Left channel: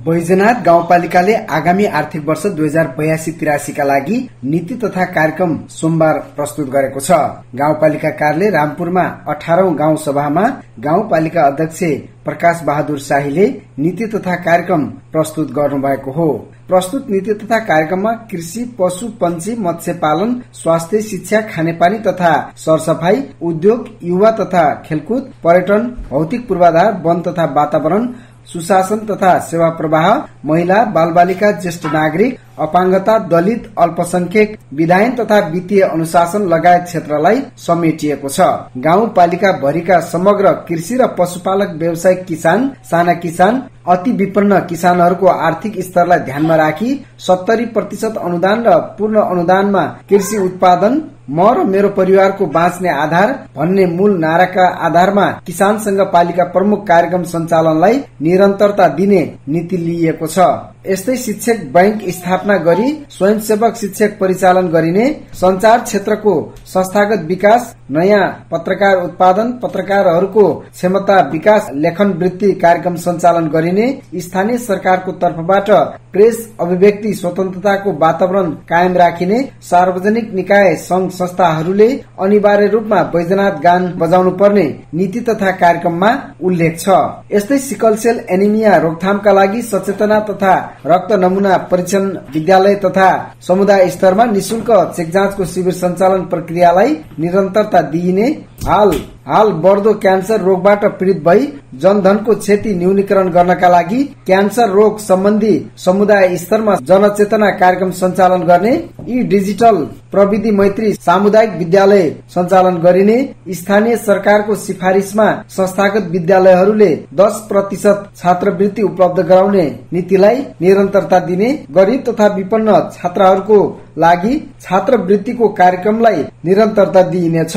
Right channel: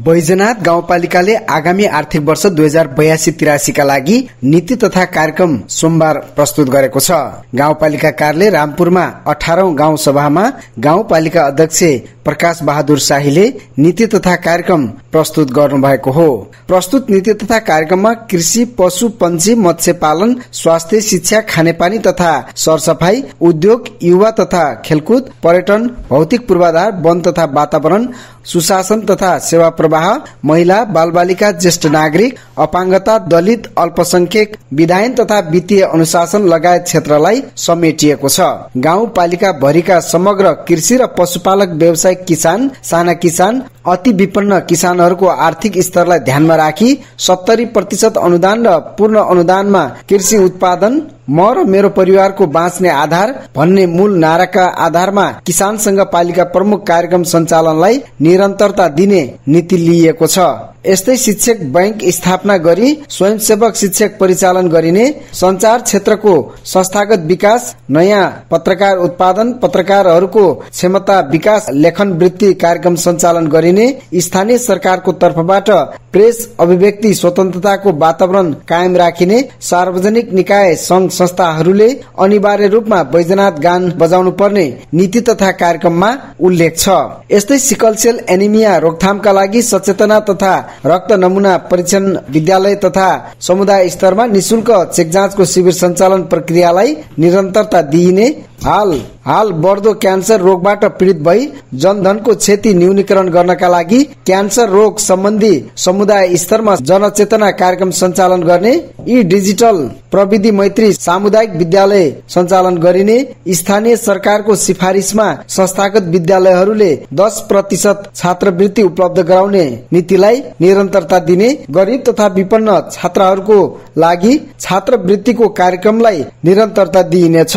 बैजनाथ गाउँपालिकाले आगामी आर्थिक वर्ष 2082-83 का लागि नीति तथा कार्यक्रम सोमबार प्रस्तुत गरेको छ। गाउँपालिका कार्यालय रामपुरमा 18औं गाउँ सभामा गाउँपालिका अध्यक्ष प्रकाश बहादुर शाहीले नीति तथा कार्यक्रम प्रस्तुत गर्नुभएको हो। प्रस्तुत नीति तथा कार्यक्रममा कृषि, पशु, पंक्षी, मत्स्य पालन, स्वास्थ्य, शिक्षा, खानेपानी तथा सरसफाई, उद्योग, युवा तथा खेलकुद, पर्यटन, भौतिक पूर्वाधार, वन तथा वातावरण, सुशासन तथा सेवा प्रवाह, महिला, बालबालिका, ज्येष्ठ नागरिक, अपाङ्गता, दलित, अल्पसंख्यक, विधायन तथा वित्तीय अनुशासन लगायत क्षेत्रलाई समेटिएको छ। गाउँपालिका भरिका समग्र कृषि र पशुपालक, व्यावसायिक किसान, साना किसान, अति विपन्न किसानहरूको आर्थिक स्तरलाई ध्यानमा राखी 70% अनुदान र पूर्ण अनुदानमा कृषि उत्पादन, म र मेरो परिवारको बाँच्ने आधार भन्ने मूल नाराका आधारमा किसानसँग पालिका प्रमुख कार्यक्रम सञ्चालनलाई निरन्तरता दिने नीति लिइएको छ। यस्तै शिक्षक बैंक स्थापना गरी स्वयंसेवक शिक्षक परिचालन गरिने, संचार क्षेत्रको संस्थागत विकास, नयाँ पत्रकार उत्पादन, पत्रकारहरूको क्षमता विकास, लेखन वृत्ति कार्यक्रम सञ्चालन गरिने, स्थानीय सरकारको तर्फबाट प्रेस अभिव्यक्ति स्वतन्त्रताको वातावरण कायम राखिने, सार्वजनिक निकाय संघ संस्थाहरूले अनिवार्य रूपमा बैजनाथ गान बजाउनु पर्ने नीति तथा कार्यक्रममा उल्लेख छ। यस्तै सिकल सेल एनिमिया रोकथामका लागि सचेतना तथा रक्त नमूना परीक्षण विद्यालय तथा समुदाय स्तरमा निशुल्क चेक जाँचको शिविर सञ्चालन प्रक्रियालाई निरन्तरता दिइने, हाल बढ्दो क्यान्सर रोगबाट पीड़ित भई जनधनको क्षति न्यूनीकरण गर्नका लागि क्यान्सर रोग सम्बन्धी समुदाय स्तरमा जनचेतना कार्यक्रम सञ्चालन गर्ने, यी डिजिटल प्रविधि मैत्री सामुदायिक विद्यालय सञ्चालन गरिने, स्थानीय सरकारको सिफारिसमा संस्थागत विद्यालयहरूले 10% छात्रवृत्ति उपलब्ध गराउने नीतिलाई निरन्तरता दिने, गरिब तथा विपन्न छात्रहरूको लागि छात्रवृत्तिको कार्यक्रमलाई निरन्तरता दिइनेछ।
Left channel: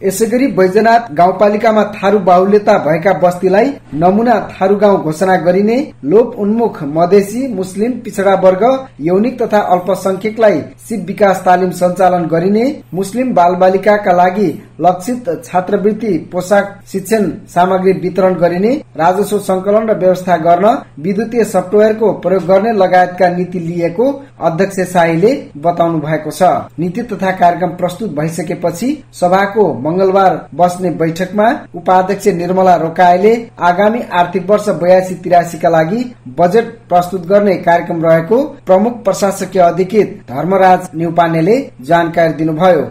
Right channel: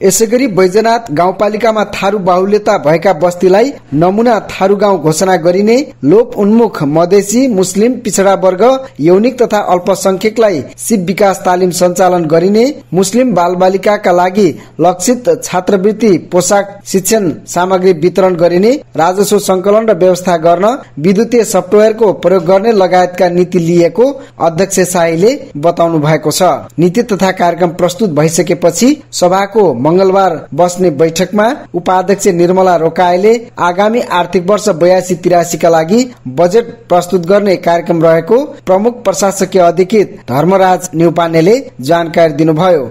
यसैगरी बैजनाथ गाउँपालिकामा थारू बाहुल्यता भएका बस्तीलाई नमूना थारू गाउँ घोषणा गरिने, लोप उन्मुख मधेसी, मुस्लिम, पिछड़ा वर्ग, यौनिक तथा अल्पसंख्यकलाई सिप विकास तालिम सञ्चालन गरिने, मुस्लिम बालबालिकाका लागि लक्षित छात्रवृत्ति, पोशाक, शिक्षण सामग्री वितरण गरिने, राजस्व संकलन र व्यवस्था गर्न, विद्युतीय सफ्टवेयरको प्रयोग गर्ने लगायतका नीति लिएको अध्यक्ष शाहीले बताउनु भएको छ। नीति तथा कार्यक्रम प्रस्तुत भइसकेपछि सभाको मंगलबार बस्ने बैठकमा उपाध्यक्ष निर्मला रोकाईले आगामी आर्थिक वर्ष 82-83 का लागि बजेट प्रस्तुत गर्ने कार्यक्रम रहेको प्रमुख प्रशासकीय अधिकृत धर्मराज न्युपानेले जानकारी दिनुभयो।